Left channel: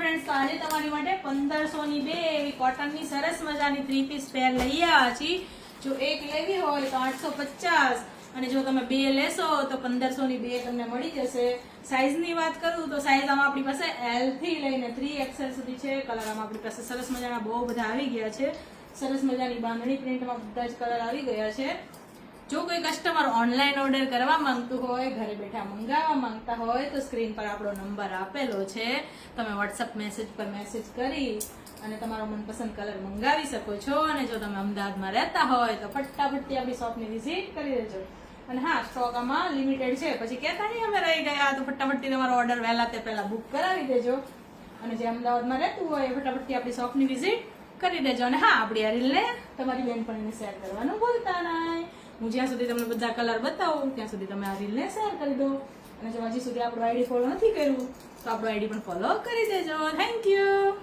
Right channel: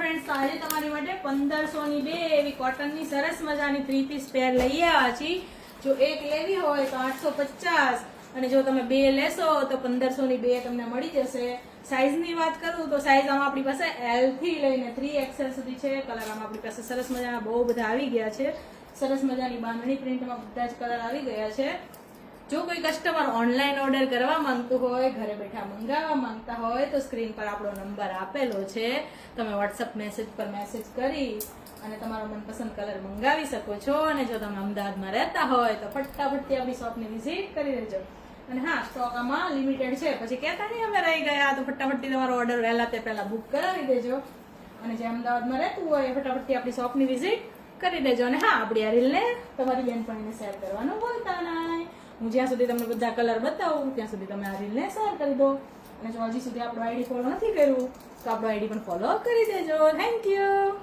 Friends, તો આજે તમારી માટે 1500 ની બે એવી કોટનની સરસ મજાની 3 પીસ પેર લઈ આવ્યા છીએ. જો એક લેવી હોય તો 850 અને જો તમે બે લેશો તો 1500 ની બે તમને મળી જશે. સાઈઝની વાત કરું તો સાઈઝ આમાં આપણી પાસે L થી લઈને 3XL સુધી છે. કલર આમાં આપણી પાસે સરસ મજાના બહુ બધા આવી ગયા છે. સરસ મજાની બાંધણી પ્રિન્ટમાં બધા જ કલર આવી ગયા છે. જો કોઈ કસ્ટમર ઓનલાઈન ઓર્ડર કરવા માંગતું હોય, ઘરે બેઠા મંગાવવા માંગતા હોય તો સ્ક્રીન પર આપણો નંબર આપેલો છે. તમે વોટ્સઅપ મેસેજ પર મેસેજ કરી અને તમારો મનપસંદ કલર મંગાવી શકો છો. અને જો તમે અમદાવાદમાં રહેતા હોય તો ફટાફટથી આપણી શોપની વિઝિટ કરી લેજો. અને હા, સ્ટોક આમાં લિમિટેડ છે, પછી કહેતા નહીં અમે રહી ગયા, તો ફટાફટથી તમારો ઓર્ડર વહેલા તે પહેલા બુક કરાવી દેજો. અને જે અમદાવાદમાં રહેતું હોય એ ફટાફટથી આપણી શોપની વિઝિટ કરી દેજો. અને હા, આપણી આ રીલને તમારી બેનપણીને શેર કરવાનું ભૂલતા નહીં. હું જ્યાં સુધી તમને બધા કલર બતાવું ત્યાં સુધી તમે આ રીલને શેર કરી દો. અને જો હજી સુધી આપણું આઈડી ફોલો નથી કર્યું તો આપણું આઈડી પણ ફોલો કરી દેજો. Thank you.